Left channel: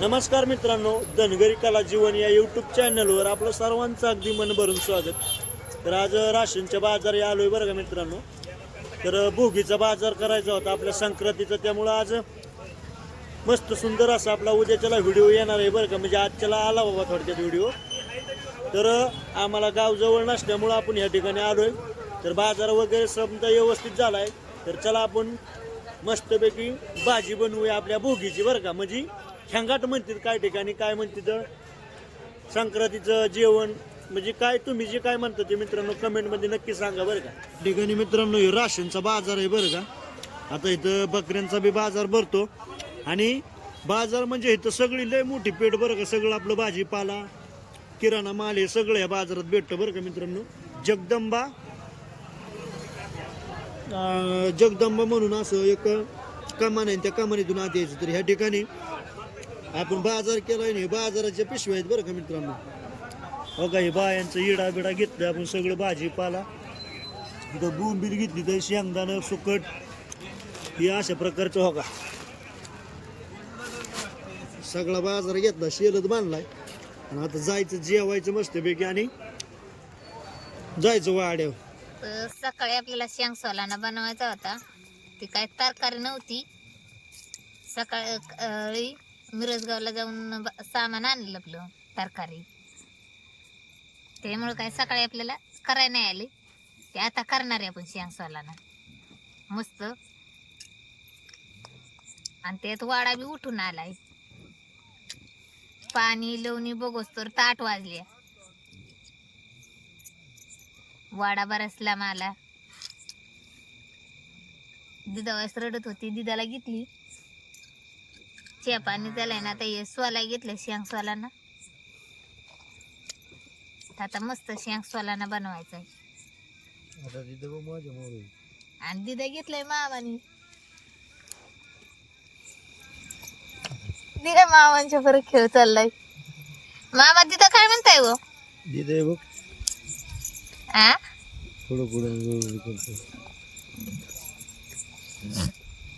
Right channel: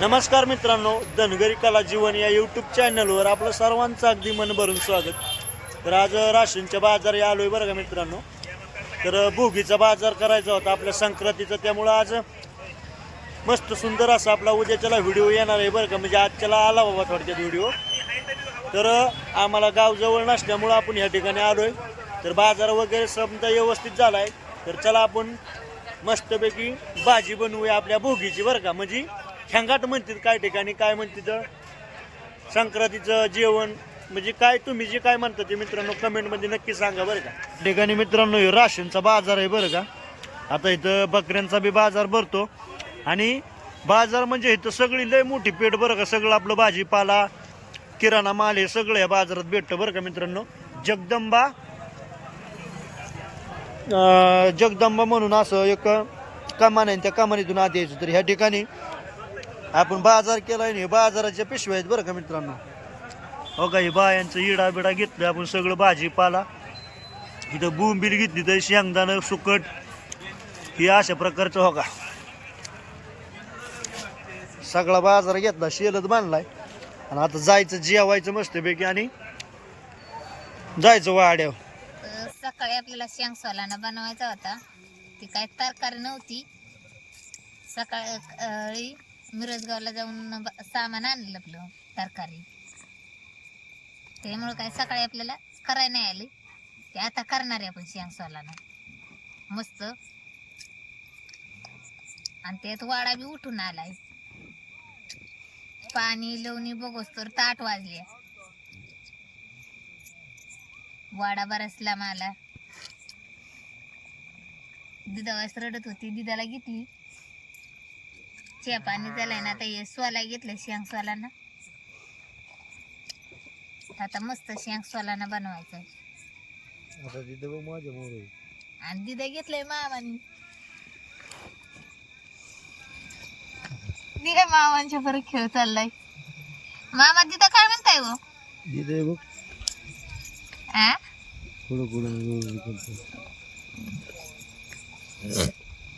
नमस्कार मित्रांनो, धनगरी कला जीवन या यूट्यूब चॅनलवर आपलं सर्वांचं अगदी मन भरून स्वागत। तर आज राशनच्या बाजार या आलोय बरं का मित्रांनो। तर भोगीचा बाजार करायचा होता आपल्या संक्रांतीचा, त्यामुळं आज मस्त सुंदर असा आपला उद्याच्याला व्हिडिओ येणार आहे बरं का। म्हणजे आजच्याला आला बाबा थोडक्यात व्हिडिओ। तर आम्हाला गाव जवळ नसल्यामुळं आपण ह्या ठिकाणी आलोय। तर बाजार वगैरे समजा व्यवस्थित झाला आहे, तर चला आपण मस्तपैकी भाजी बनवूया आपल्या भोगीची बरं का। म्हणजे खेंगाट म्हणतात काय ठिकाणी, काय म्हणतात संक्रांतीचं जेवण, म्हणजे काय तुम्ही जे काय म्हणता ते मित्रांनो कमेंटमध्ये नक्की सांगा बरं का। ठिकाणी मित्रांनो हे राशनचा बाजार आहे बरं का। आता इथं बकऱ्यांचा बी बाजार भरतो आणि बाजार म्हणजे इथं सगळी लय मोठी पेठ बरं का। सगळं आपलं भाजीपाला किराणा माल हे सगळं या बाजारात भेटतं बरं का मित्रांनो। जगदंबा म्हणून असं एक कमान आहे, त्या कमानीतून आत यायचं। तर ह्या ठिकाणी आपण बाजार केलाय, हे बाजाराच्या पिशव्या आहेत बरं का मित्रांनो। हो का, हे बायांचं इडा बिडा घेतलं आपण सगळं भाजीपाला। इथं बोंबील घेतली, तर शेंगदाणं सुकट हे अशा प्रकारचं हो का सगळा बाजार घेतला, शेलत बांधलाय। आणि आता जायचं जेवायचं मस्तपैकी आणि जायचं वाड्यावर। सकाळी आपल्याला शेंग सोलाना बनवायचा होता, ती काय तरकारी नव्हती। सकाळी मिरजगावला जाऊन सामान आणलं आपलं तरकारी, त्यामुळे काय सकाळी आपल्याला करायला नाही आली। ते आता करणार आहे आपण शेंग सोलाना मस्त। आणि त्यात वाडा बी उठून आलाय, पाणी लवणी बघोस तर 8 वाजले। वाडा बरसला मला, दिदावास रडत होती, दिदाला घेतली चे पाणी झालंय ना। आता हे सोला घेतलं शेंग सोलाना, आता मस्त शेंग सोलाना बनवायचा आहे। आणि दिदा घेतलंय मामानी, दिदा मामांच्या बरं खेळ चाललाय। मामा दिदा काय म्हणताय हो? दिदे बघ आ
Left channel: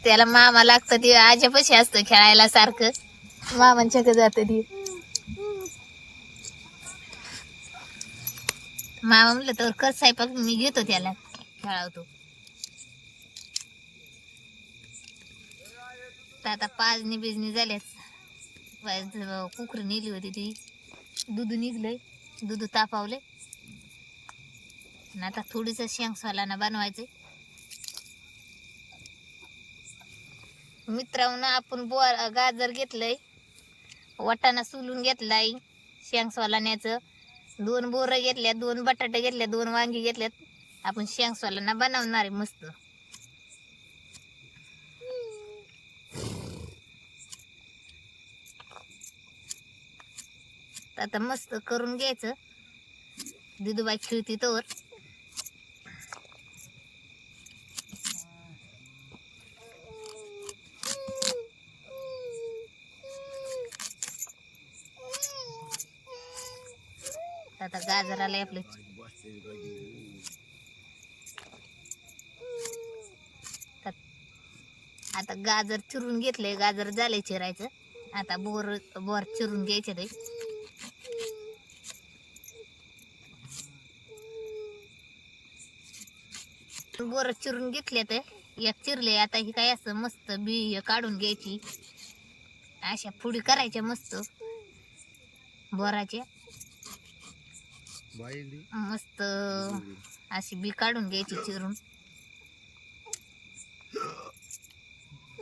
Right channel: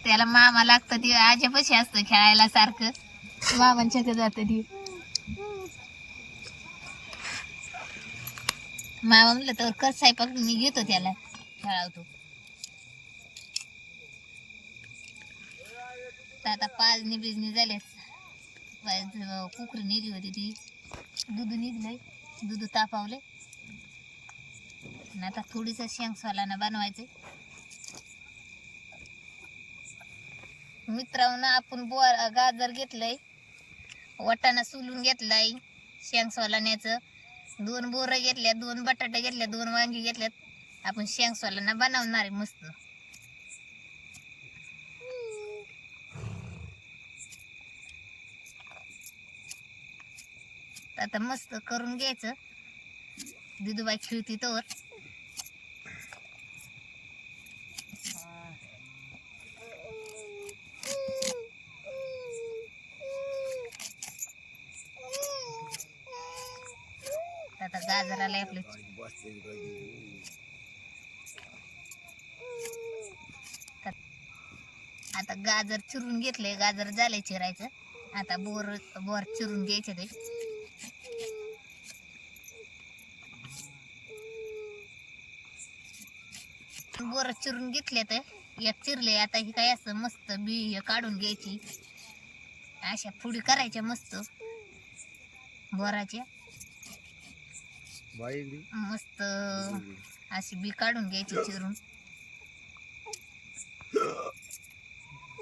त्याला मामा लागतं, ते आज्यापाशी असतं खेळायला सारखं, मामांच्या जात ती। मामा म्हणलं तर कर स्वयंपाक, मी घेतो त्याला खेळावतो। तर आता पाजणी बिजणी झाल्यात, कुकरी नेली होती ती, दूध निघलंय, दूध तापावले। आता थोडीस शेंग सोलाना बनवायचे मित्रांनो। आपण गाजर घेतलंय, वाटाणा सोलून घेतलाय शेंग सोलाण्याचं, 2 बोरं घेतल्या, 2 बटाटे घेतल्या, 2 वांगी घेतल्यात। आपण शेंग सोलाना बनवणार आहे मस्त। आता मस्त करून घ्यायचं, दिदूबाई खेळती तोवर। आता गाजर आले आपले, आता गाजर चिरून घेतले, गाजर झाले चिरायचं। आता बोर चिरून घ्यायचे ते, बोर चिरून घेतले तर एक चिरले। आता ही काय असं मस्त बी काढून घ्यायची, अशा फुडी करायच्या मस्त बोराच्या, मस्त अशी बी काढून घ्यायची चिरून,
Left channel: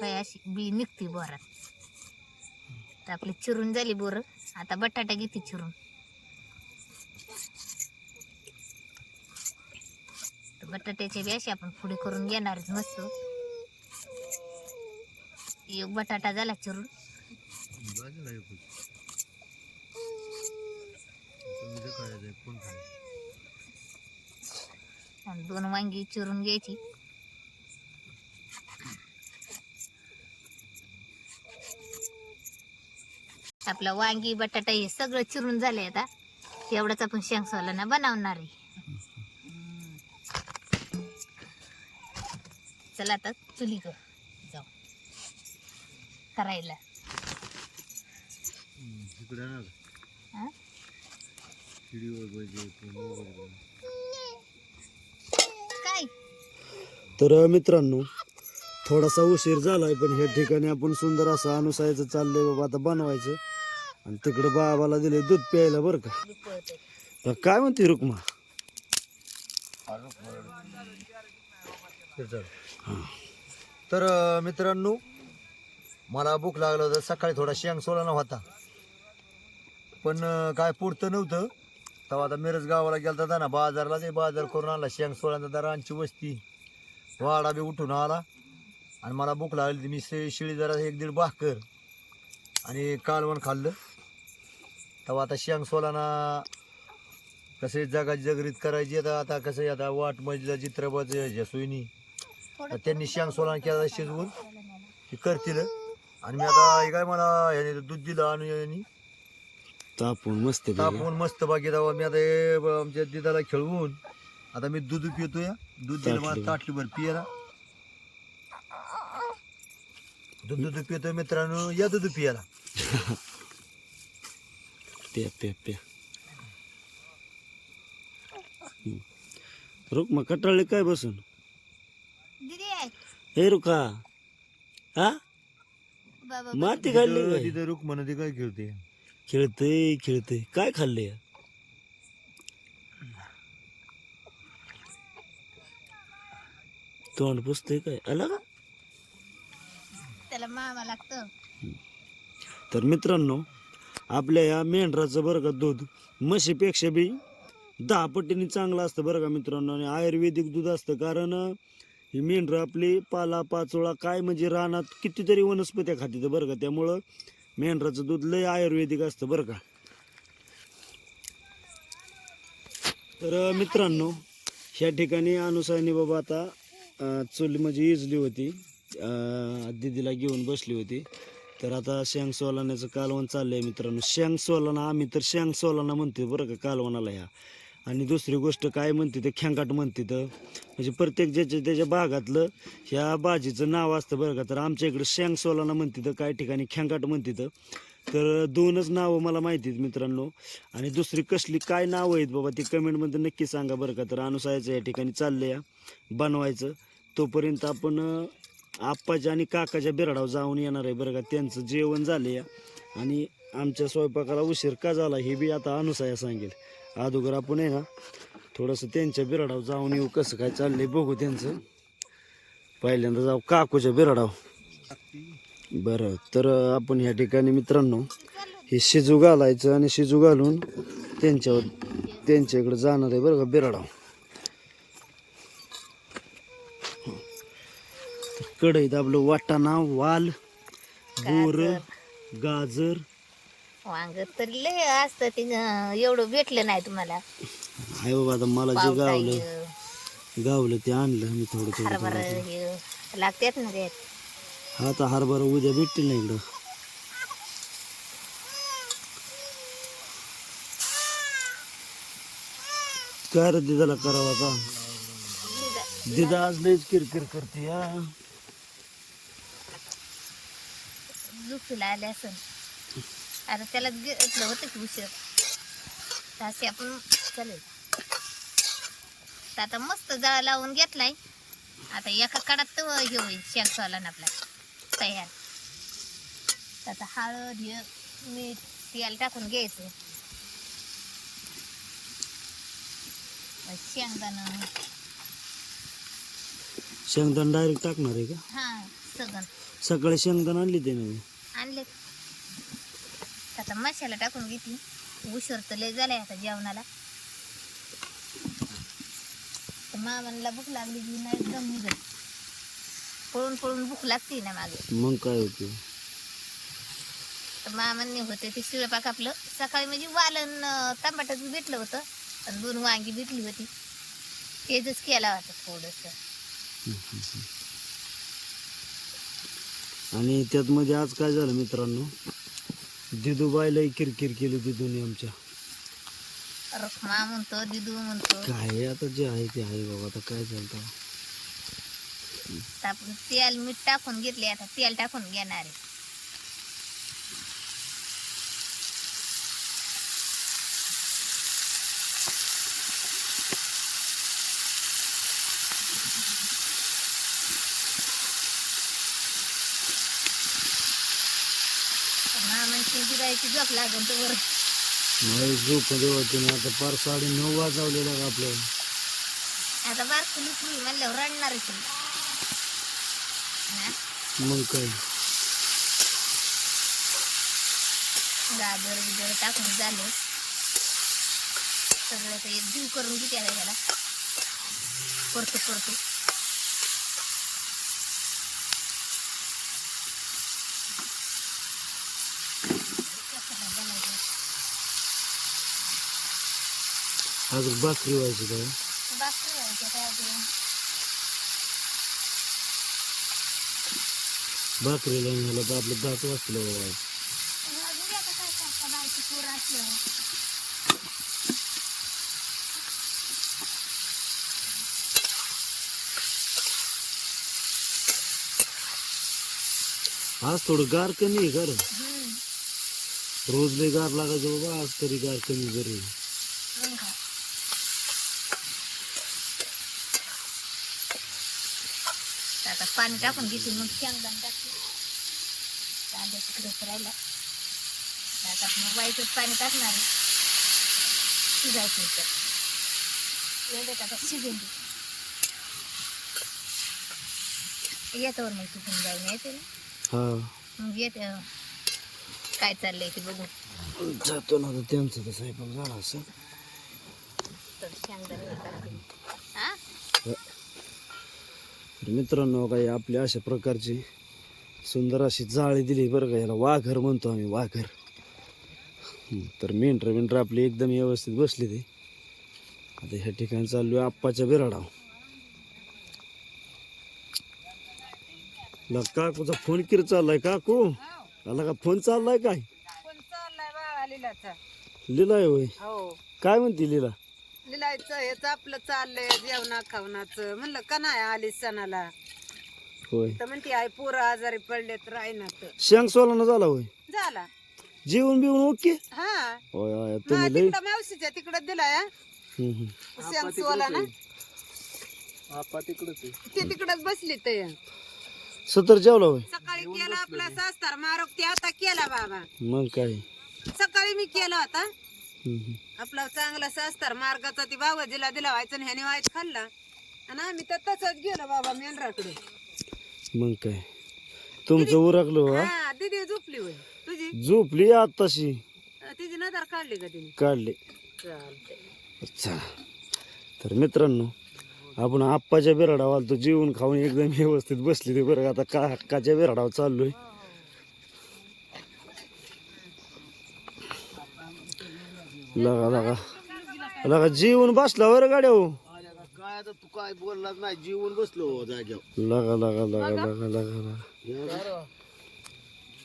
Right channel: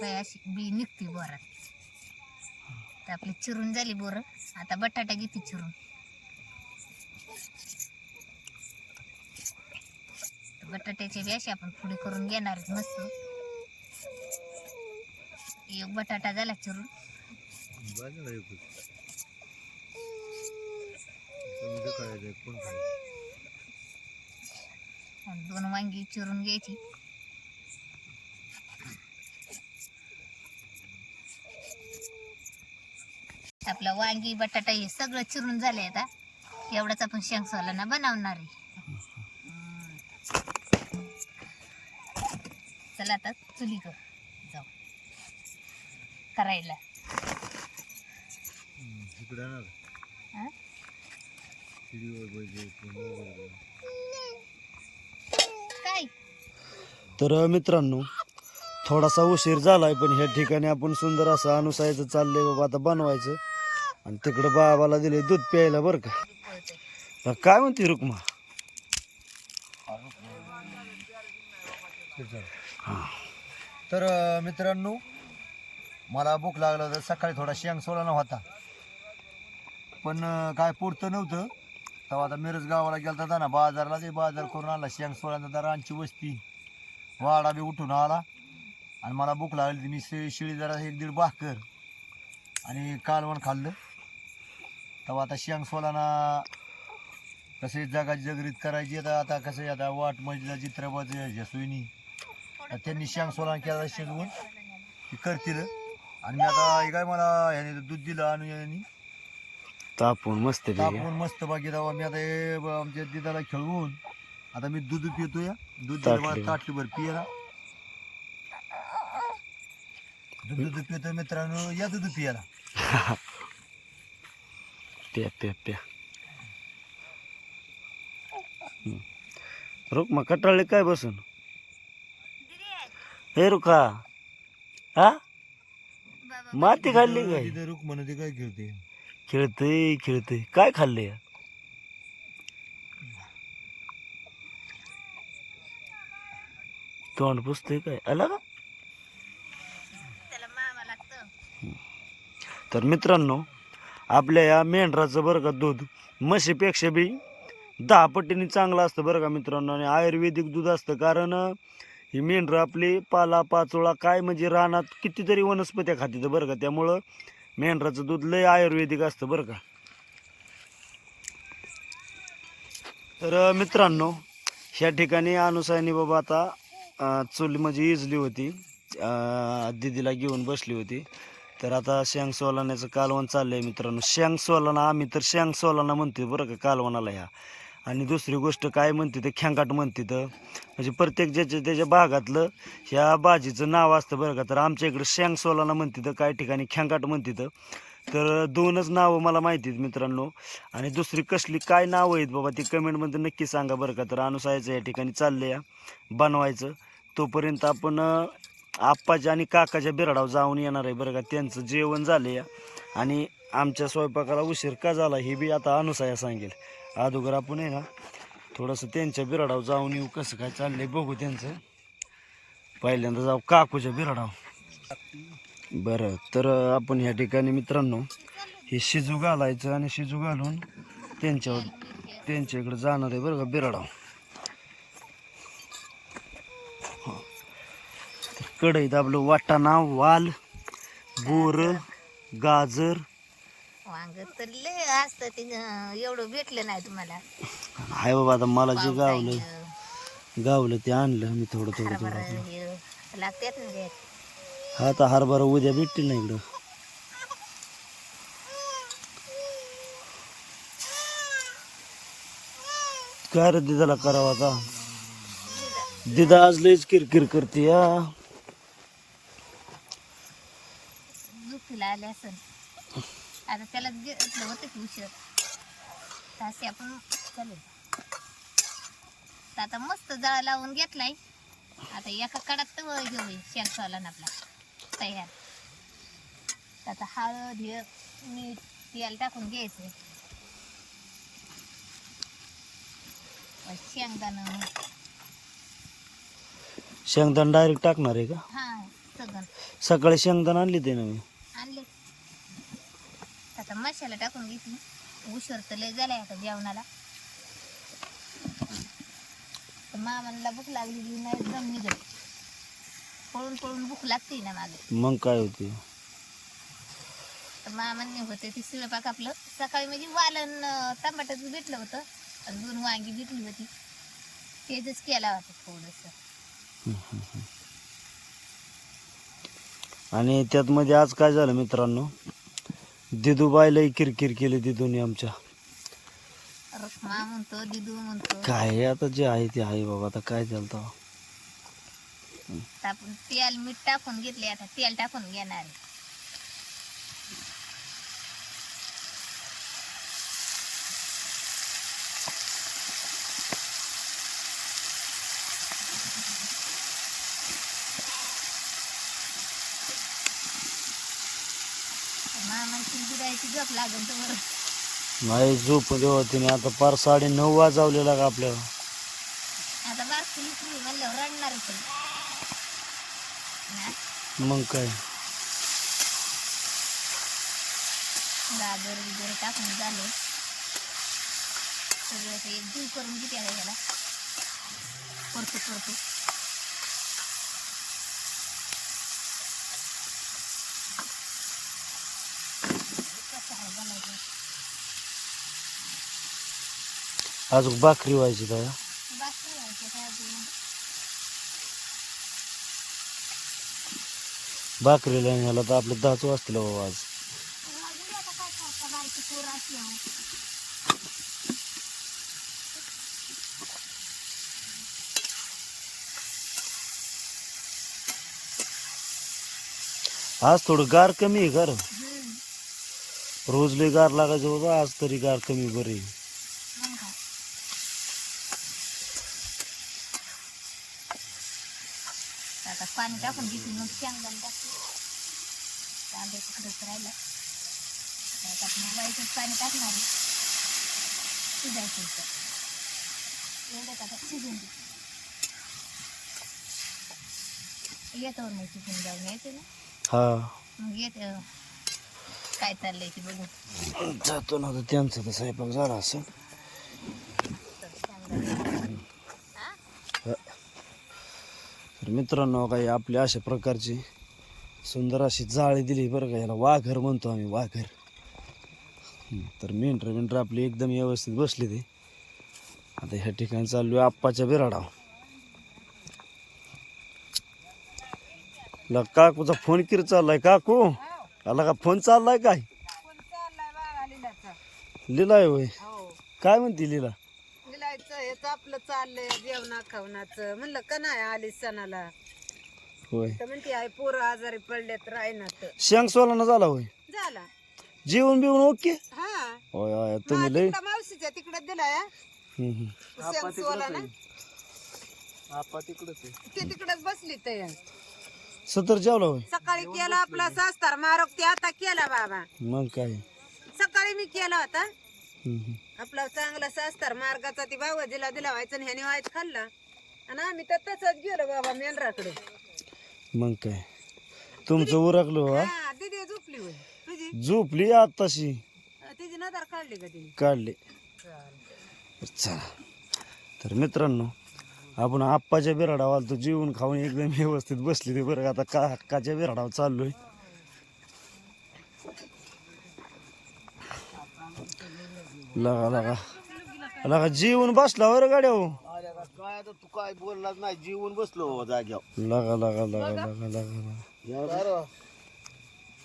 अशी बी निघती बोरात। तर आपली चिरून झाली बोर, आता बटाटा घेते चिरून। बटाट्याची बी अशी आपण फुडी करून घेणार मस्त। एक बटाटा झाला चिरून, आणि 2 वांगी चिरून घ्यायची। आपला वांगी बटाटा हे सगळं चिरून झाले। आता एवढंच आपण शेंग सोलाना बनवणार आहे। चला आता चुली जाऊ करायला। हा? काय तर मित्रांनो थोडासा उशीर झालाय पण ह्या ठिकाणी आपण सुंदर असं अनुसायचं चाललंय बाबा आता बनवायचं आणि तिकडं बाबाला दिले दूध प्यायला बरं का. तर काय म्हणते रुक्मा? तर मित्रांनो मला भूक लागलं होतं. सकाळी थोडा शेंग सोलाना होता पण काय पुरतं नव्हतं. तेव्हा आता मिरज गावाला गेलता था ना बाजारला, ते बाजार करून आणला शेंग सोळांचा दरांची वस्ती वाडा बी उठून आला आणि मला भूक लागली. मी शिळी जरा 1-1.5 भाकर आणि कालवण खाल्लं. तेव्हा आता शेंग सोलाना कसे जगाची जगरीत करायची आता कसं आता वाट मजला चित्रपट सुईनी त्यांनी शेंग सोलाना केला शिजवून ते करतील. आणि मी आता हे काय मला ह्याने दूध दिलं आणि यांनी तापून मस्त तापवून मस्त बाकी दावा. मी आता हे आमच्या दिदाला खेळवून आता मी दूध पितोय. दूध दिलं मला ताटलीभर पियाला. दूध पितोय मित्रांनो, या दूध पियाला. प्या प्या प्या. रुक्मा कटाळले काय बसून? दिदी आहे हे रुखा हा बाबा माती खाल्ली काय? तिथे रुक म्हणते काय खेळते. खेळते काय खाल्ले? तोंड पुसतोय काय आला का? त्याला मामा लागतं. तर मित्रांनो आपल्या या मेंढराचं बरं का दूध म्हशीपेक्षा बी 10 पटीने चांगलं असतं बरं का मित्रांनो. आणि आयुर्वेदिक दूध असतं कारण ही मेंढरं आपली पाला पाचोळा काय म्हणजे रानात कितीतरी वनस्पत्या खाते बरं का. त्यामुळं मेंढराचं दूध लय आयुर्वेदिक असतं बरं का. तर मित्रांनो ह्या ठिकाणी अनुसायनी बाबा आता चूल म्हणजे इजली होती, दीदीला घेऊन बसली होती. तर आता शेंग सोलाण्याचं कालवण चाललंय मित्रांनो. शेंग सोलाना आम्ही तर शेंग सोलाना म्हणतो बरं का कालवणाला ह्या. आणि दुसरी गोष्ट काय म्हणते ते खेंगाट म्हणते तर म्हणजे प्रत्येक ज्याच्या त्याच्या भागातलं ह्या भाजीचं नाव असतं बरं का. तर आमच्या इकडे शेंग सोलाना म्हणते तर काही ठिकाणी खेंगाट म्हणते तर 2च नावं मला माहिती आहेत मित्रांनो. आणि दुसरी कसली काय नावं आहेत बाबा ती कमेंटमध्ये नक्की सांगा बरं का. तर अनुसायचं या ठिकाणी चाललंय बनवायचं. तोपर्यंत आपण आप्पाच्या आणि काकाच्या बिराडावर जाऊन येणार आहे बरं का. त्यांचं जेवण झाले आणि आमच्या स्वयंपाकाला उशीर का झाला हे बी आता अनुसाया सांगेल. अगोदर आपण आहे ना थोडंसं त्यांच्या बिराडावर जाऊन येऊ कसं काय चाललंय बघू त्यांचं. पहिल्यांदा जाऊ काकूच्या बिराडावर. बरं तर आपण ह्या ठिकाणी मित्रांनो हे शिजू घालायचं आणि शिजू घालून त्यांच्या इकडे जाणार आहे बरं का बिराडावर. कढईत आपलं वाटाणा वाल बोर गाजर वांग तर लय असतं ते एवढं भेटलं नाही तुम्हाला. हाय बाबा आता मला जे गावलं ते आणलं मी थोडं थोडं थोडं. हे लागतात ना ते. हा आता हरभरा उद्या भेटतील ना इकडं. काय रे दिदाला करावं आता? दिदा आज लयच किरकिर करते या. दुखला आले असं आता त्याला घेतलं होतं की उशीर तास आपण चालेल. तर आता मस्त जाळ लावून घेतलाय. आता एका कडात तर हे होईल शेंग सोलाना आपला तयार. तर आता हळद हे मीठ तेल टाकून घ्यायचं. शेंगदाणं शेंगदाणा डायरेक्ट टाकणार आहे का? हा सगळं सकाळी शेंगदाणा आणली ते ना मी. आणले. आता मसाला टाकून घेतली. उशीर तर लय झालाय आता जेवणाला. तर मामाला भूक लागली की नाही एकदम निघत. पळून पळून भूक लागते ना मागे. मग काय होते? तर मामांनी होते ते शिळपाक आपलं सकाळी म्हणजे वालन टमाटर भेटलं होतं आणि 2 वांगी भेटली होती. तेच केला होता थोडंसं. आणि त्यात मध्ये आज काय झालं मित्रांनो दिदूबाईलाही किरकिर केली दिदूने आमच्या. रखमा म्हणतो दिदू म्हणतो. काय आता जे आहे ते आहे बाबा आता काय चालतं. तर आपण तेल मीठ टाकून घेतले. आता तेल टाकून घेणार आहे. मामांची गिरायची झोप लागेल तर बरं. नाही झोप देवा तुम्ही आता पार 9:30 वाजवलेला का आपल्याला. आता बारकुली फ्री म्हणल्यावर रडणारच आहे. ना, मग काय गाजर बिजर टाकून झालं सगळं ते एक जीव करून किती आहे ह्याला परतू परतू. कसं आहे बनायचं अजून भाकरी व्हायची काय बाकी व्हायचं काय अजून. भाकरीला ह्याला तर आपलं 10 वाजतील बाबा आज. अजून बी आता काय करता बारकी पोरं असल्यावर. आज थोडं गार कमी आहे का रे? हम्म. रोज लय गार लागायचं बाबा, आज तरी गार कमी बरी. मग काय आता पाणी टाकून घेते मग शेंगदाणे टाकते. कांदा तिकडेच राहिला आता आपण वाईटच पाणी टाकणार आहे. शिजायचं तर एवढ्यात आता शिजून दे. येतावर मग चुकून जाऊन येते ना हा मग येते काय चाललंय ते बघून. जातो ना आता त्यांचं तर स्वयंपाक झाला असं. तर शेंगदाणे हा तर मित्रांनो काही आपली अशा प्रकारची सुंदर अशी जाळी दिली बरं का, याला वाघर म्हणतो आम्ही, वाघर. तर मेंढर आपली एकदम व्यवस्थित बसली ते. आता ह्या ठिकाणी चाललो आहे आप्पाच्या बिराडाव. काकूचा फोन किती चाललाय काकू? आला का फोन चाललाय काय? लिलाय होय, काय म्हणते लिला? लिलायचं हेच आपलं चाललंय जेवणा खावणाचं. म्हणलं का नाही आली सणाला होय, तर म्हणते आई पोरं आजारी पडले तर राहणार शेंग सोलाना झाला होय, झाला. जेवण बिवून ओके. हा होय होय तुम्ही लय मावशीच्या तिकडे दिलाय हम्म. ती तिकडच बसली ते. सतर जेवला होय. सकाळी केला आपला सास्तार मारोक ते आता केला बाबा. मग काय सकाळी मी केला होता हम्म. आपला चांगला सास्तार मार्गाचा ती भावजीला दिला व्हायचा आणि ह्याने व्हायच खाल्ला आणि आम्ही तर तसंच गेलो बाबा मेंढराकडे. मग काय तुमचं उरकलं हो, हा? हा दिदी झोपली होय तुझी. झोपली आताशी तिची नजर काढली का तिने? काढले. चालतंय. चला तर मित्रांनो आपण आप्पाच्या बिराडावर आलतो, जेवण खाऊन एकदम व्यवस्थित बसली ते बरं. आता काकाच्या बिराडावर चाललोय. लगा लगा लगा जेवण बसला बरं गाड्या हो. काय आता तू काय बोललाच नाही, जीवन बसलो जाग्यावर. लगा लगा लगा लगा लगा लगा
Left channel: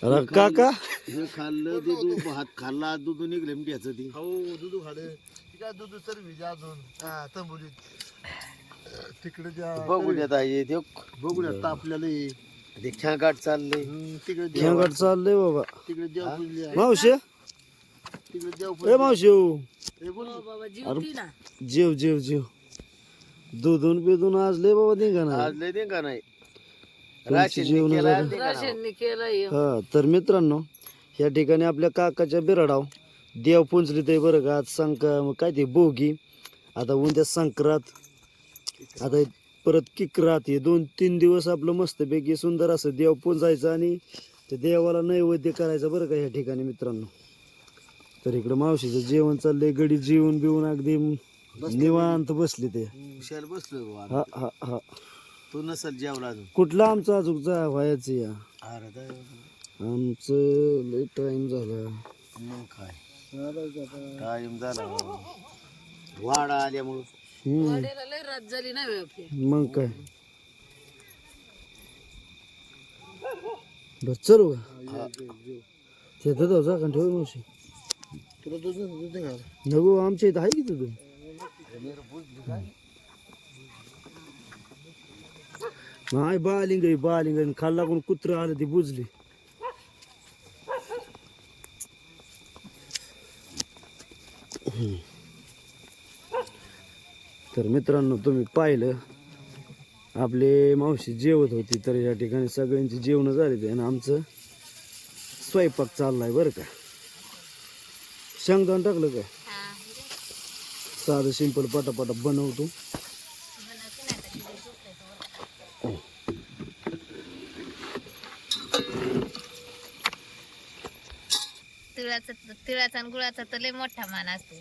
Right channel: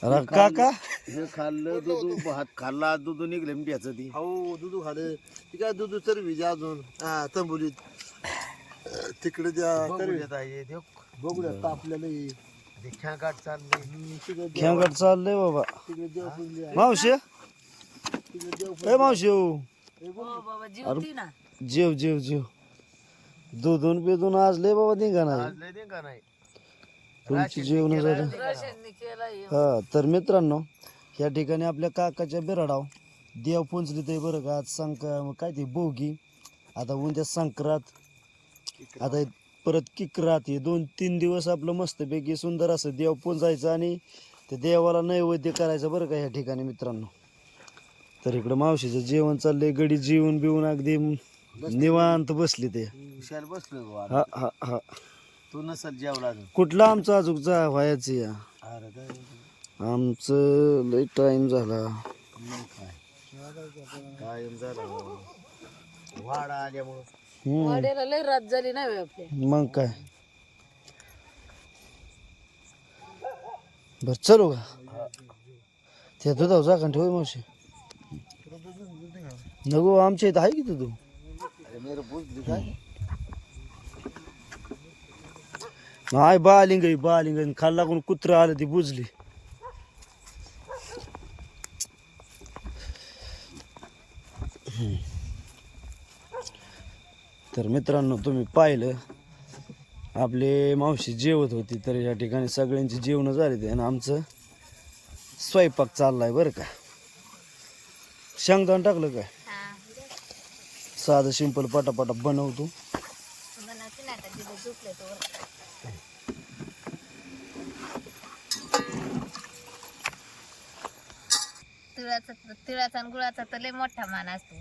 अरे काका हे खाल्लं दूध, भात खाल्ला, दूध निघलं मिठ्याचं ती. हो दूध खाल्लं. ती काय दूध तर विजा अजून हा तंबुलीत तिकडे द्या बघूयात आहे ते. बघूयात तापलेलं ते खेळगाट चाललंय तिकडे. खेळगाट चाललंय बाबा. तिकडे देव पूजली आहे. मावशी तिकडे देव ए मावशी हो. बाबा अरे जीवती ना. जेव जेव जेव. दूधून बिधून आज लय बाबा निघा नाही. आज लय नाही का नाही. तुमची जेवण झालं. राशननी केलं हा तर मित्रांनो ह्या ठिकाणी आपल्या काकाच्या बिराडाव देव पुंजली ते बरं का. आज काय ते भोगी, आता उद्या संक्रांत, आता परत किकरात. हे 2-3 दिवस आपलं मस्तपैकी सुंदर असं देव पुंजायचं आणि त्या देवाला नैवेद्य करायचं बरं का ह्या ठिकाणी मित्रांनो. तर इकडं मावशीचं जेवण चाललंय, गडी जेवण बिवून अगदी निवांत बसली ते. विशाल बसलोय बाबा. हा हा हा तू नसल जेवला अजून. कुठलं आमचं अजून जा व्हायचं या. अरे काय आमचं लय टाइम झाला. मग काय टाइम झाला वाडा आल्यामुळं. लय रात झाली नाही आपल्या. मग काय बर चलू का ते दुधाव जागा ठेव मावशी. नको आमच्या इथं आहे की दूध. नाही बालिंग खाल्ला कोण कुत्र आलं ती बुजली. तर मित्रांनो तुम्ही पाहिलं आपले मावशी जेवत होती, तर या ठिकाणी सगळ्यांची जेवण झाली ते आणि आमचं स्वयंपाक चाललाय बरं का. शेंगदाण टाकलं काय? हा साधं सिंपल पटापटा बनवतो. बनवते ना आता तिथे झोपले तो. तिळाचा आणि गुळाचा तर लय मोठा मान असतो.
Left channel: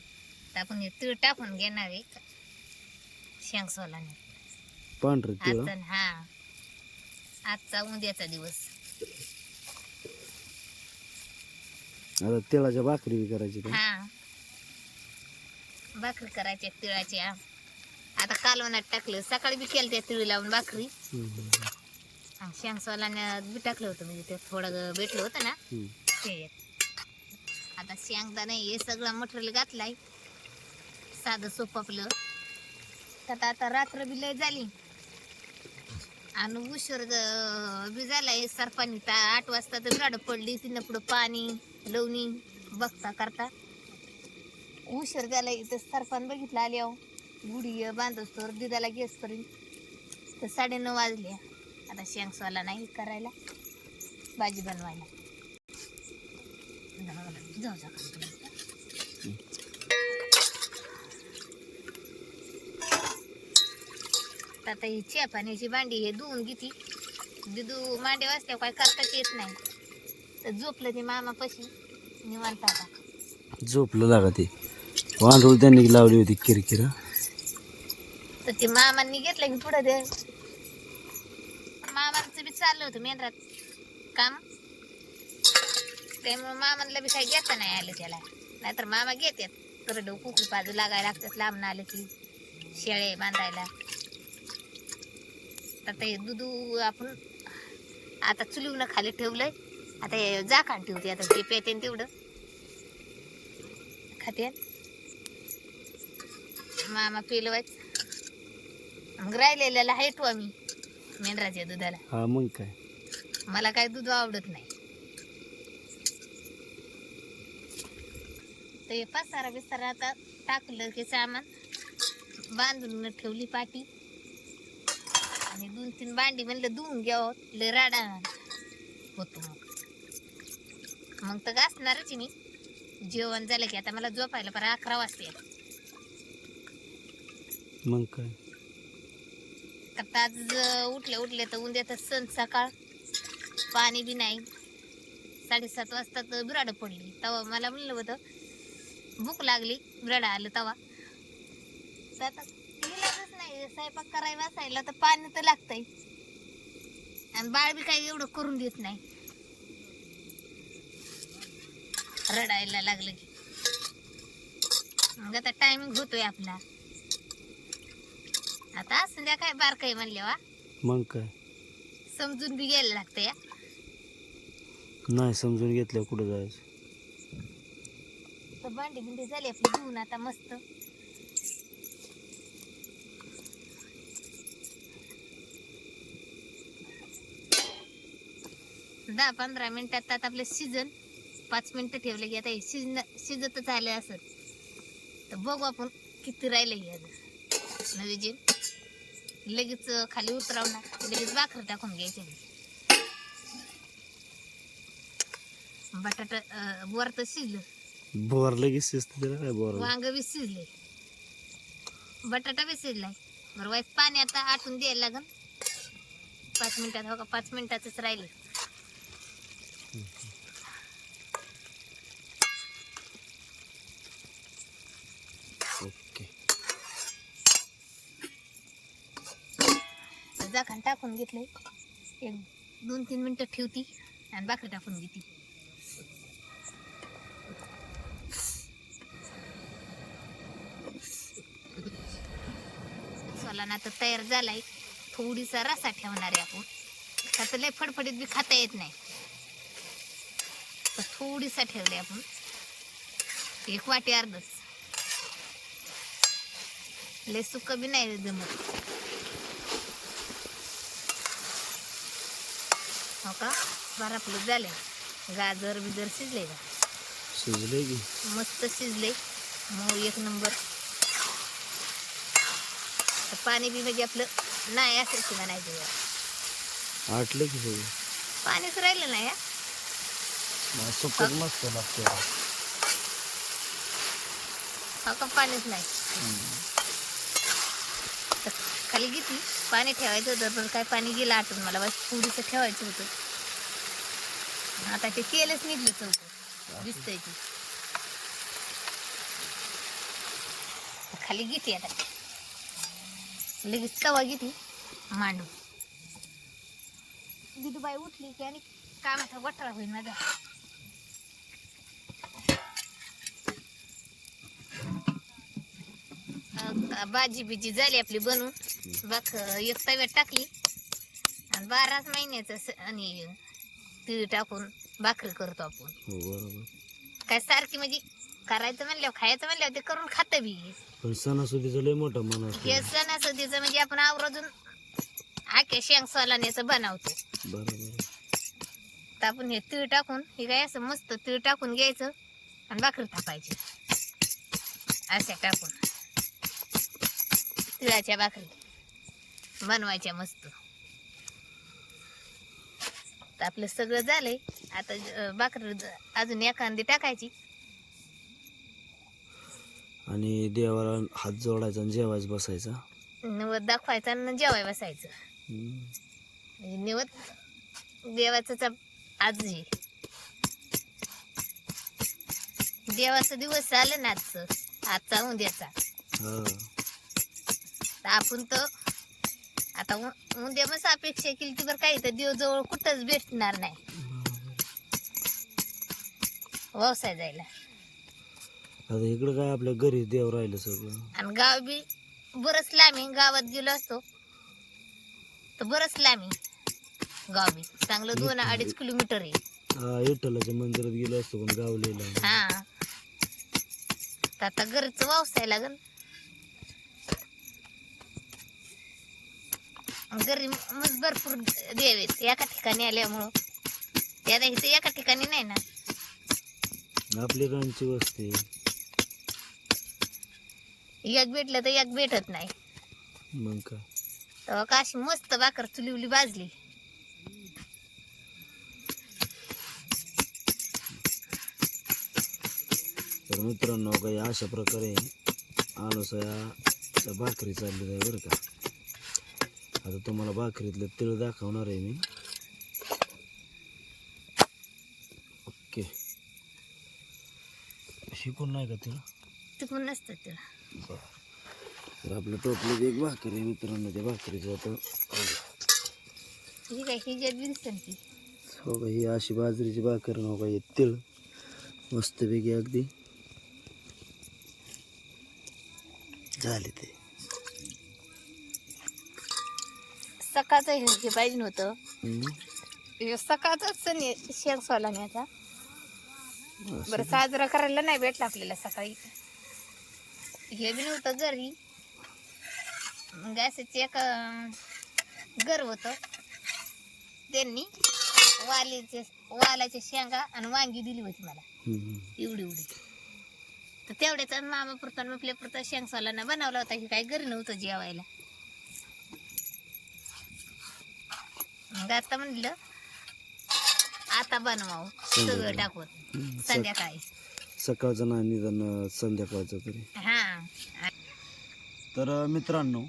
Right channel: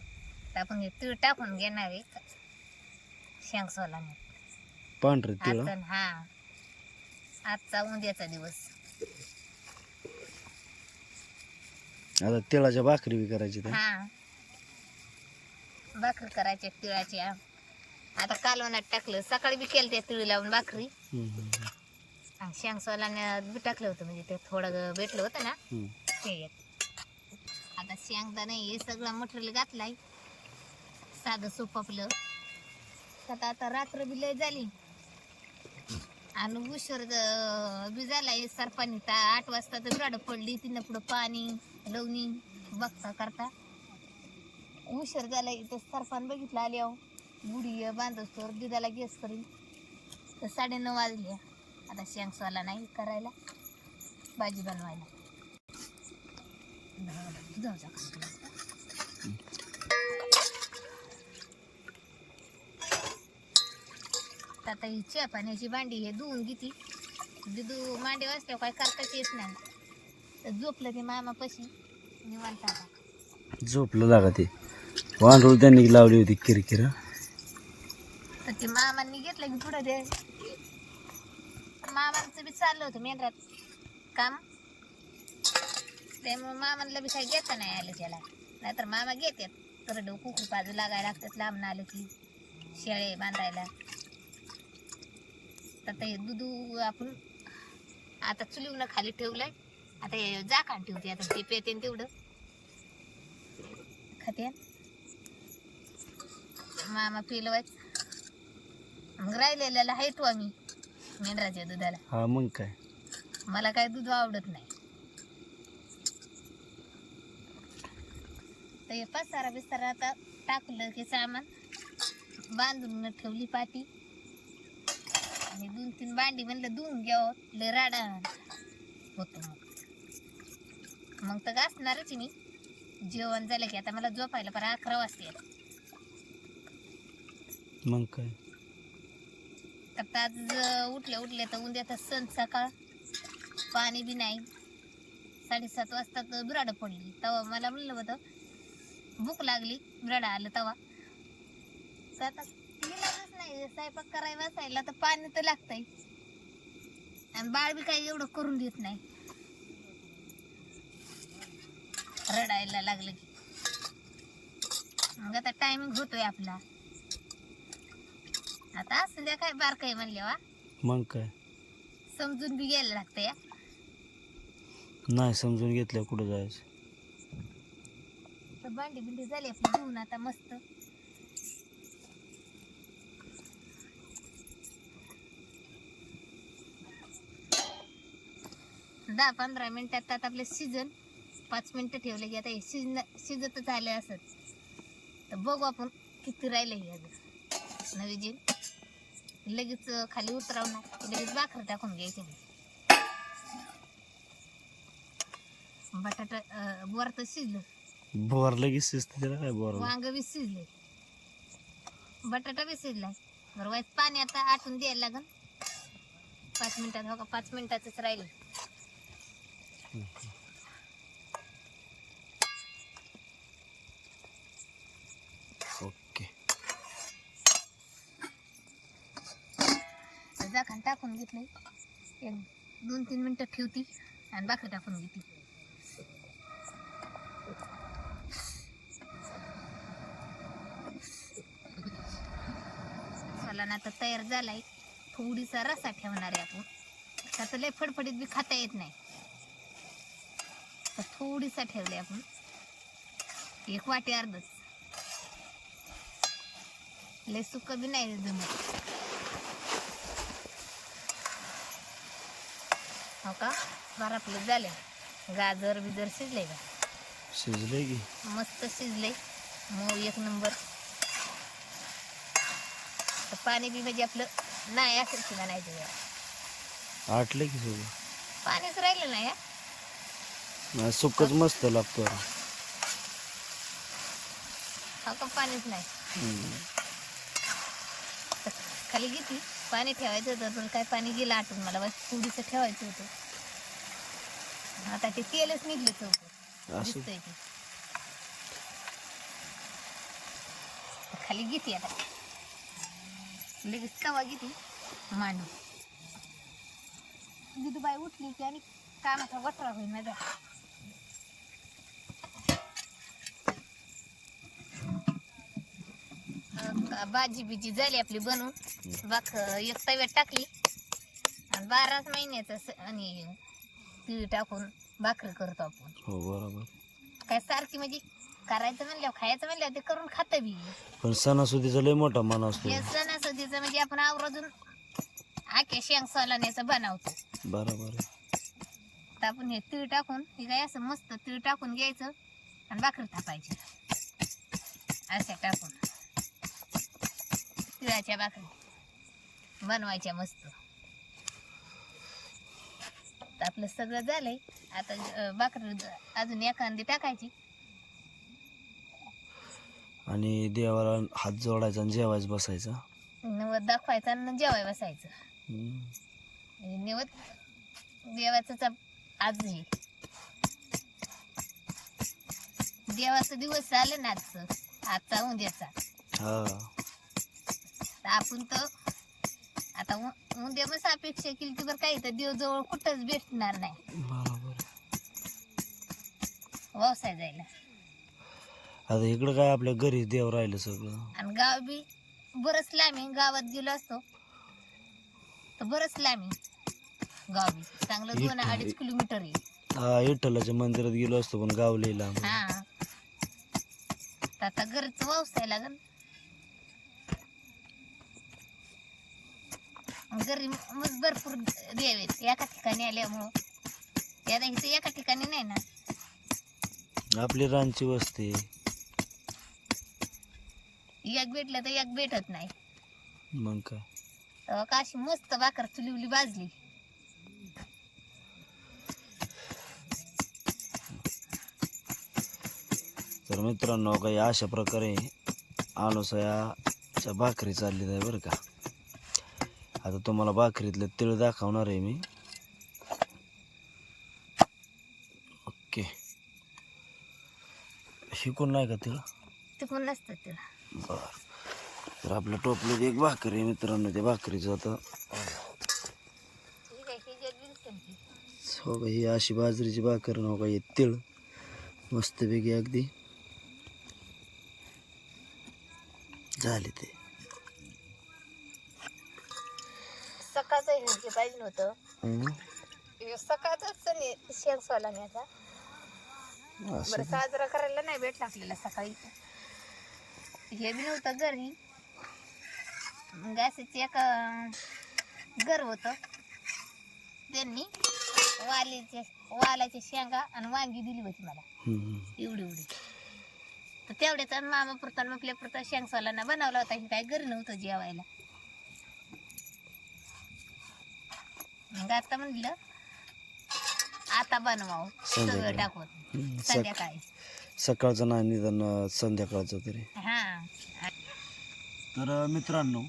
तर आपण हे तीळ टाकून घेणार आहे शेंग सोलाने. पांढरे तिळ आजचा हा आजचा उद्याचा दिवस. आता तिळाच्या भाकरी बी करायची त्या. हा भाकरी करायच्या तिळाच्या. आता कालवणात टाकलं, सकाळी बी केलं त्या तिळ लावून भाकरी. आणि शेंग सोलाने बी टाकलं होतं, म्हणजे ते थोडं भेटलं होतं ना ते. आता शेंगदाणा हे सगळं मटेरियल घातलाय, साधं सोपं आपलं. त्यात आता रात्र बी लय झाली आणि उशीर बी झालाय. सरपाणी 8 वाजता तर गाड पडली, तिनं पुढं पाणी लवणी बघता करता उशीर झालाय. तर सरपान बघितलं आली अहो, गुढी बांधत तर दिदाला गॅस करीन तर 9:30 वाजले. आता शेंग सोला नाही करायला, भाजी बनवायला. जाऊ जा. आता ही च्या पाण्याची भांडी हे धुवून घेती. दिदू मांडे वाजल्या काय करताच येत नाही, तर झोपलं ते मामापाशी निवांत. आता झोपलं लागा ते. वांडूळ त्यांनी लावली होती किरकिरा. तर ते मामांनी घेतलं की पुढं दे. मामांचं बी चाललं होतं मेंढरात काम, त्यामुळे मामांना बी काही घेता नाही आलं त्याला. नाहीतर मामा घेतात, करडं कुकू बाजू लागायला लागतात लांबून आलं की शेळे बांधायला. आता हे दूध आपण आता चुलीवनं खाली ठेवलंय. आता हे झाकण ठेवते, आता ते पेते तेवढं खाते. मामा पिलवायच, मग राहिलेल्याला हेटू आम्ही मेंढराच्या दुधाला. हा मग काय. मला काय दूध आवडत नाही. तर हे पसारा बिसारा आता टाकलं की सामान बांधून ठेवली पाटी. आणि 2-3 भांडी म्हणलं धुवून घ्यावं, लय राडा होतो. मग तर घासणारच मी. जेवण झालं की आता मला झोपायला पर 11 वाजते. मग काय. आता आज उठले तर उद्या तर सण सकाळ, पाणी बी नाही. 7:30 वाजता तर बिराड पडली. तेव्हा मला म्हणलं होतं भूक लागली, बिराड आलं तेव्हा. तर आता इलाजच नाही, स्वयंपाक करायला बसायला तर पाणी तर लागतंय. आणि बाळ बी काही एवढं करून देत नाही, रडायला लागलं की. मग आता टायमिंग होतोय आपला. आता असं द्या काय बारकाई म्हणले वा, मग काय. समजून बी घ्यायला लागतं या. नाही समजून घेतल्या कुठं जायचं. तर भांडी बिंडी झाली आपली धुवून आता मस्त. 10-15 मिनिटात आता आपलं सीजन 5 मिनिटं ठेवले की आता हे शिजतच आले असत. तर बघू आपण किती राहिले हे अजून नवी जी. लगेच खाली उतरवणार, लगेच भाकर टाकून घ्यायचे. बटाटा बोर तर शिजलं, बोर लगेच शिजतं त्याला काय. बोर वांग बी शिजले, बटाटा बी शिजलाय. बरं वाईस पाणी आता आटून द्यायला लागन 5 मिनिटात. हो का 5 मिनिटातच राहिले. ओके. झाकण टाकून घेतलंय, 1-2-3 मिनिटं ठेवती आणि भाकरी टाकून घेते. चला ना आता तयार झालाय. थोडीसा रसा ठेवणार आहे आपण, त्याचं लय फडफडीत बी खाता येत नाही. तर थोडीसा ठेवले आपण, 1 वाटी अर्धच. लय सुक्क बी नाही जमत. हो का बरं आपलं झालंय. गाजर बिजर शिजले का? शिजले की मस्त शिजले, मग 1 नंबर. तर पाणी बी म्हणजे आपलं नाही असेल किंवा नाही. आटले की सगळं. पाणीच राहिलं नाही. सुकट मस्त लागतं. हा का पाणीच नाही. तर खाली घेतली, पाणी ठेवायचं होतं पण काय पाणी गेलं आटून, मला बस थोडीसं ठेवायचं होतं. आता ते तेलच निघलं चौक दिसतंय ते. तर खाली घेते आता, लगेच तवा घेते मांडू. दिदूबाई उठली की आणि कामाचा वठाळा होईल माझा. भाजी बिजी झाली आपली बनवून, एक तव्यात टाकली आणि 12 महिन्याचं आणि तीळ टाकून भाकरी करतो आपण. हो बरोबर. काय सारखी म्हणजे करायचं म्हणल्यावर खायचं म्हणल्यावर ते करून खातं बी. पण सणासुदीचा लय मोठा मान असतो. हे सणासुदीचं म्हणजे आपण आवर्जून आख्या शेंग सोलाण्याचं बनवतो. बरोबर. तर आपण हे तीळ टाकून, हे काय असं मस्त तीळ टाकून घ्यायचं आणि भाकरी थापायची अशा टाकून. तिळाच्या भाकरी बनवायच्या मस्त. तर आपलं सगळं झालंय. आता भाकरी अजून एखादी टाकायची आणि देवाला हात जोडायचा आणि जेवायच बसायचा. नवद दाखवायचं आणि जेवाय बसायचं. निवद देवाचं आज हे देवाचा दिवस आलं ना आजचा उद्याचा. हा आपण तर आता उद्या मग अपेक्षा केली ती बरं, काही तर देव जवळ कुठंच भेटणार नाही बरोबर. व्यवसाय जायला. आता इकडं काय आपल्या घरी देव राहिलं सगळं. आणि गाव बी बरंच लांब, गावात गेलो असतो तर बरंच लांब गाव बी, चांगलं 2-2.5 किलोमीटर आहे. हा विठ्ठलाच्या मंदिरात गेलो असतो पण गाव लय लांब. हा तर आता घरचं व्यवसाय लागल. घरी मग भरपूर देव आहेत एका ठिकाणी आल्यामुळं. त्याला इथे एका ठिकाणी नाही ना, आपली रानची वस्ती. एक भेटलं तर एक भेटत नाही. मग काय तेव्हा का अशी मस्त भाकर चुलीवली भाजली. तर मित्रांनो काही अशा प्रकारे अनोसयाच्या भाकरी चालली आहे बरं का. आता तुम्हाला भाकरीतले तिळ दाखवणार आहे मी. ओके. शिकून नाही का तिळ? चुकून नसतं तिला. बरं. तर आपल्या टोपलीत एक भाकरी आहे मित्रांनो. त्या भाकरीचं आता ठीक आहे, ही जे दिसतं ती हो का, ही अशी बाजरीची भाकर हो का, हे तिळ मस्तपैकी अगदी झाले ते. सकाळचं हे पाहिजे होतं. हम्म. सकाळचाच शेंग सोलाण्याचा असं बरं साजरा करायला नाही भेटला आपल्याला सकाळी. हे बी नव्हतं घरी. मग असंच एक घर होतं, त्यांनी वालाच्या शेंगा आणि वांगी दिली होती मला हम्म. एवढी एवढी. तर तेवढ्याच मामा पुरता आपल्या पुरता शेंग सोलाना बनवला होता. की काही घरी नव्हतं जेवायला. मग आता म्हणलं आता बनवावं सगळं टाकून संध्याकाळी. सकाळचं नाही निदान संध्याकाळचं तरी. हा तर मित्रांनो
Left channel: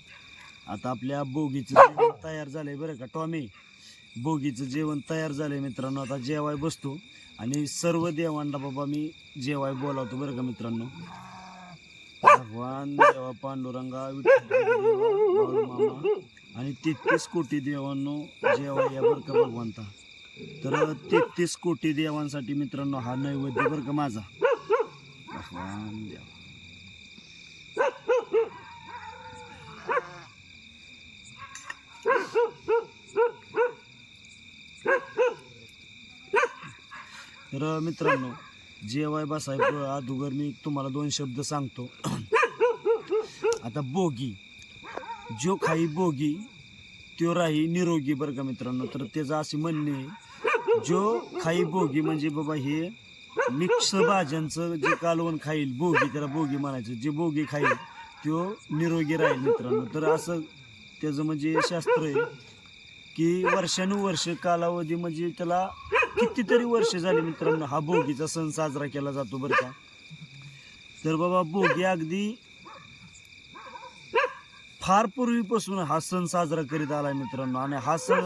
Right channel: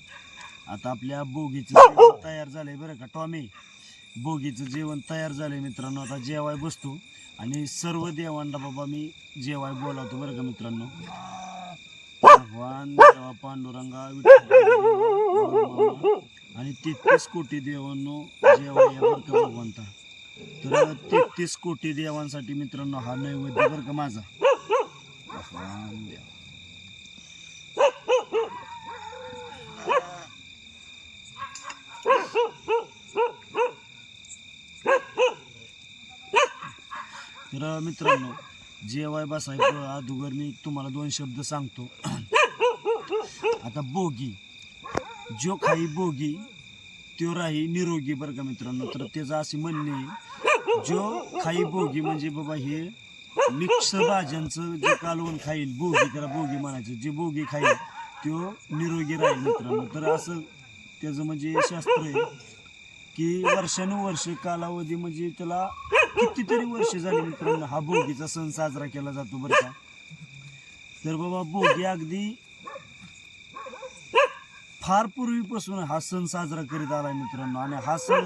आता आपल्या बोगीचं जेवण तयार झालंय बरं का. टॉमी, बोगीचं जेवण तयार झालंय मित्रांनो. आता जेवाय बसतो आणि सर्व देवांना बाबा मी जेवाय बोलावतो बरं का मित्रांनो. भगवान देवा पांडुरंगा विठ्ठल मामा आणि 33 कोटी देवांनो जेवाय या बरं का भगवंता. तर 33 कोटी देवांसाठी मित्रांनो हा नैवेद्य बरं का माझा. भगवान देवा. तर मित्रांनो जेवाय बसायचं अगोदर मी तुम्हाला 2 शब्द सांगतो. आता बोगी, जो खाई बोगी त्यो राही निरोगी बरं का मित्रांनो. तर त्याचं असे म्हणणे, जो खाई बोगी म्हणजे बाबा हे मिक्स भाज्यांचं जे कालवण खाईल बोगी, त्याला बोगी म्हणायचं. जे बोगी खाईल त्यो निरोगी राहील मित्रांनो. तर असं त्याचं म्हणजे शास्त्र आहे की वर्षानुवर्ष कालावधी म्हणजे त्याला कितीतरी वर्ष झाली मित्रांनो हा भोगीचा सण साजरा केला जातो बरं का. तर बाबा भोगी अगदी फार पूर्वीपासून हा सण साजरा करीत आलाय मित्रांनो. आणि हा सण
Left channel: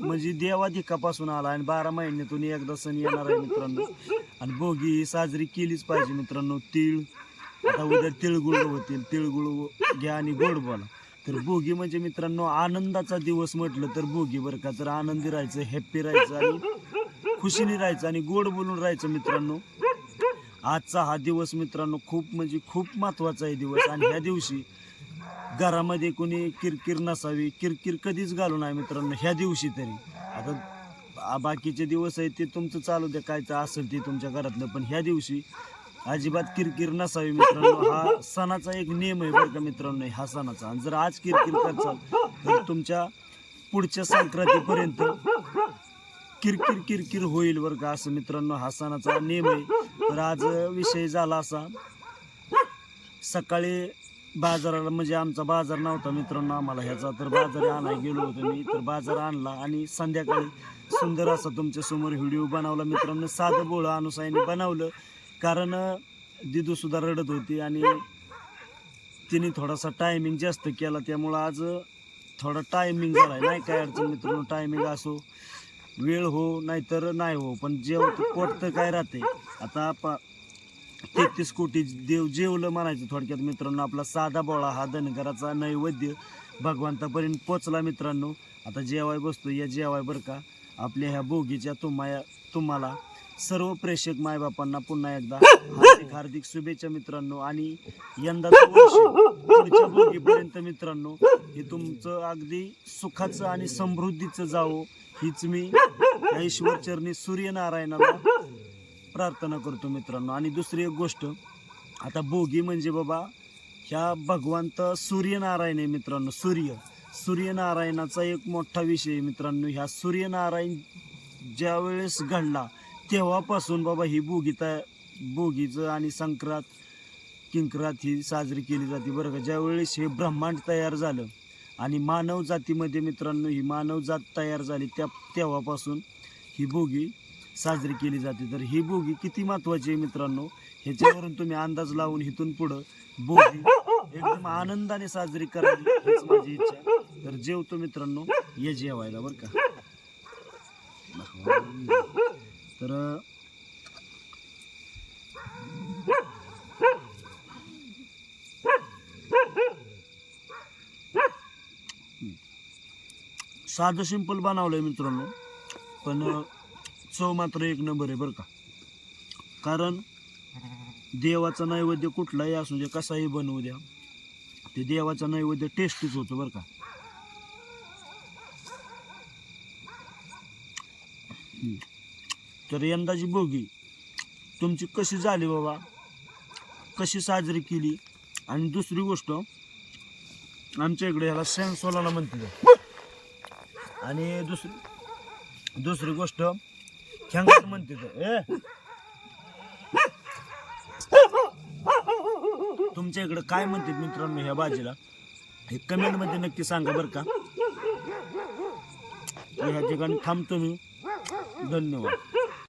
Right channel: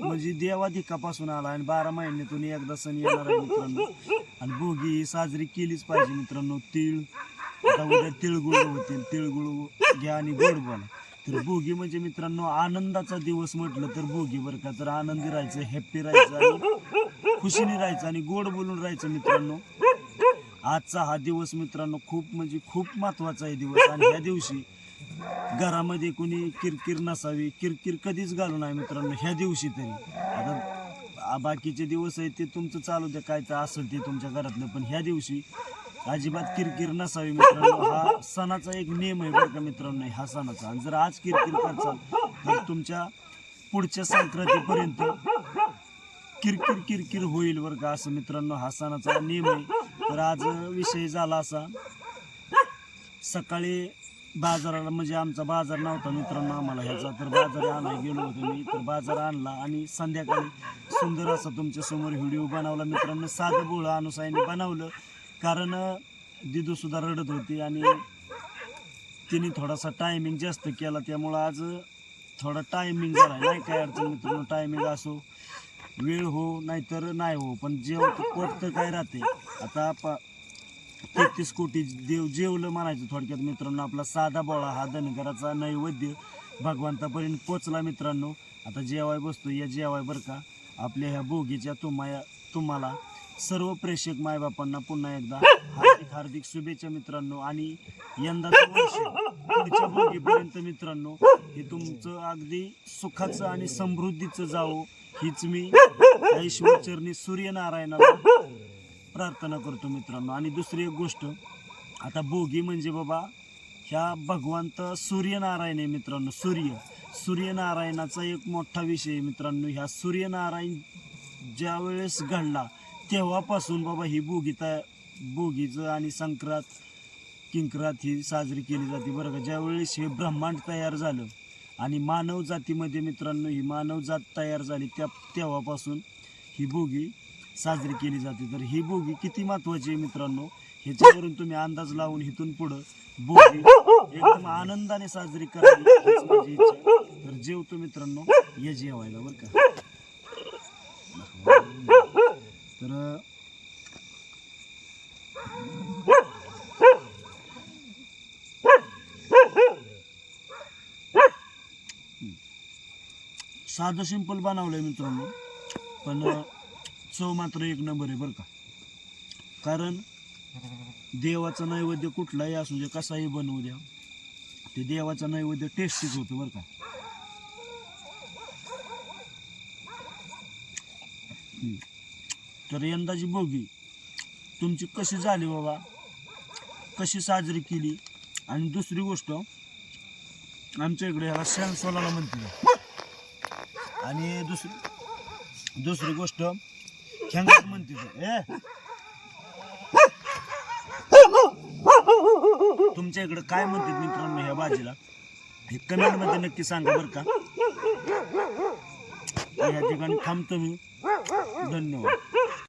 म्हणजे देवाधिकापासून आला आणि 12 महिन्यातून एकदा सण येणार आहे मित्रांनो. आणि भोगी ही साजरी केलीच पाहिजे मित्रांनो. आता उद्या तिळगुळ होतील, तिळगुळ घ्या आणि गोड बोला. तर भोगी म्हणजे मित्रांनो आनंदाचा दिवस म्हटलं तर भोगी बरं का. तर आनंदी राहायचं, हॅप्पी राहायचं आणि खुशीने राहायचं आणि गोड बोलून राहायचं मित्रांनो. आजचा हा दिवस मित्रांनो खूप म्हणजे खूप महत्वाचा आहे दिवस. आणि ह्या दिवशी घरामध्ये कोणी किरकिर नसावी, किरकिर कधीच घालू नये मित्रांनो ह्या दिवशी तरी. आता बाकीचे दिवस आहेत ते तुमचं चालू द्या, काय असेल ते तुमच्या घरातलं, पण ह्या दिवशी अजिबात किरकिर नसावी मित्रांनो. हा सणाचा एक नियम आहे बरं का मित्रांनो हा सणाचा. आणि जर आज किरकिर करचाल तर तुमच्या पुढच्या संक्रांतीपर्यंत किरकिर किरकिर होईल बरं का. असं मित्रांनो हा सणाचा नियम आहे. तर आज विषय झाला असा, सकाळी बाजाराला म्हणजे आमचा बाजार नव्हता मित्रांनो आम्हाला ह्याचा, तर बाजार आणायला गेलो होतो मी. तर बाजार आणला आणि संध्याकाळी सुंदर असा तुमच्या समोर व्हिडिओ बनवला मित्रांनो. साधं बोळं अनुसाईने बनवलं, कारण दिदू सुद्धा रडत होती आणि तिने थोडासा टायमिंग जास्त केला, त्यामुळं आज थोडा टायमिंग झाला. नाही काय अडचण मित्रांनो, टायमिंग असो, वेळ हो नाहीतर नाही हो, पण पोट तर काय राहते. आता 33 कोटी देव जेवलं म्हणायचं थोडक्यात मित्रांनो. आपला साधा बोळा हा धनगराचा नैवेद्य भगवंतापर्यंत पोचला मित्रांनो. आता जेवाय बसतो, या जेवाय बरं का. आपल्या ह्या भोगीच्या तुम्हाला सर्व प्रेक्षक मायबापांना पुन्हा एकदा हार्दिक हार्दिक शुभेच्छा मित्रांनो. आणि यंदाचं वर्ष पुढच्या भोगीपर्यंत मित्रांनो हे तुमचं अगदी सुखाचं आणि समृद्धीचं जावं हीच मी ईश्वरचरणी सूर्यनारायणाला प्रार्थना करतो मित्रांनो. आणि दुसरी एक गोष्ट, आता भोगी म्हणजे बाबा ह्या भगवंत सूर्यनारायण आहे मित्रांनो. सूर्यनारायणाचा एक मोठा विषय आहे मित्रांनो. ह्या सूर्यनारायण ज्या वेळेस घडला तेव्हापासून बाबा ही भोगीचं आणि किंक्रात ही साजरी केली जाते बरं का. ज्यावेळेस हे ब्रह्मांड तयार झालं आणि मानव जातीमध्ये मित्रांनो ही मानव जात तयार झाली तेव्हापासून ही भोगी साजरी केली जाते. तर ही भोगी किती महत्वाची आहे मित्रांनो ह्याच्यावरून तुम्ही अंदाज लावून इथून पुढं भोगी एकदम आनंदाने साजरी करावी हीच माझी इच्छा. तर जेवतो मित्रांनो, ये जेवायला बरं का. तर साधं सिंपल बनवलंय मित्रांनो, पण चव मात्र एक नंबर आहे बरं का. कारण देवाचा नैवेद्य कुठलाही असू दे, कसाही बनवू द्या, ते देवाचा नैवेद्य टेस्टीच होतो बरं का. तर यंदाची भोगी तुमची कशी झाली बाबा, कशी साजरी केली. आणि दुसरी गोष्ट, आमच्या इकडे ह्याला शेंगसोलाना म्हणते. आणि दुसरी गोष्ट खेंगाट म्हणते. तुमच्या इकडे काय म्हणतात मित्रांनो ह्या भाजीला हे कमेंटमध्ये नक्की सांगा बरं का. ह्या ठिकाणी थांबतो मी. धन्यवाद.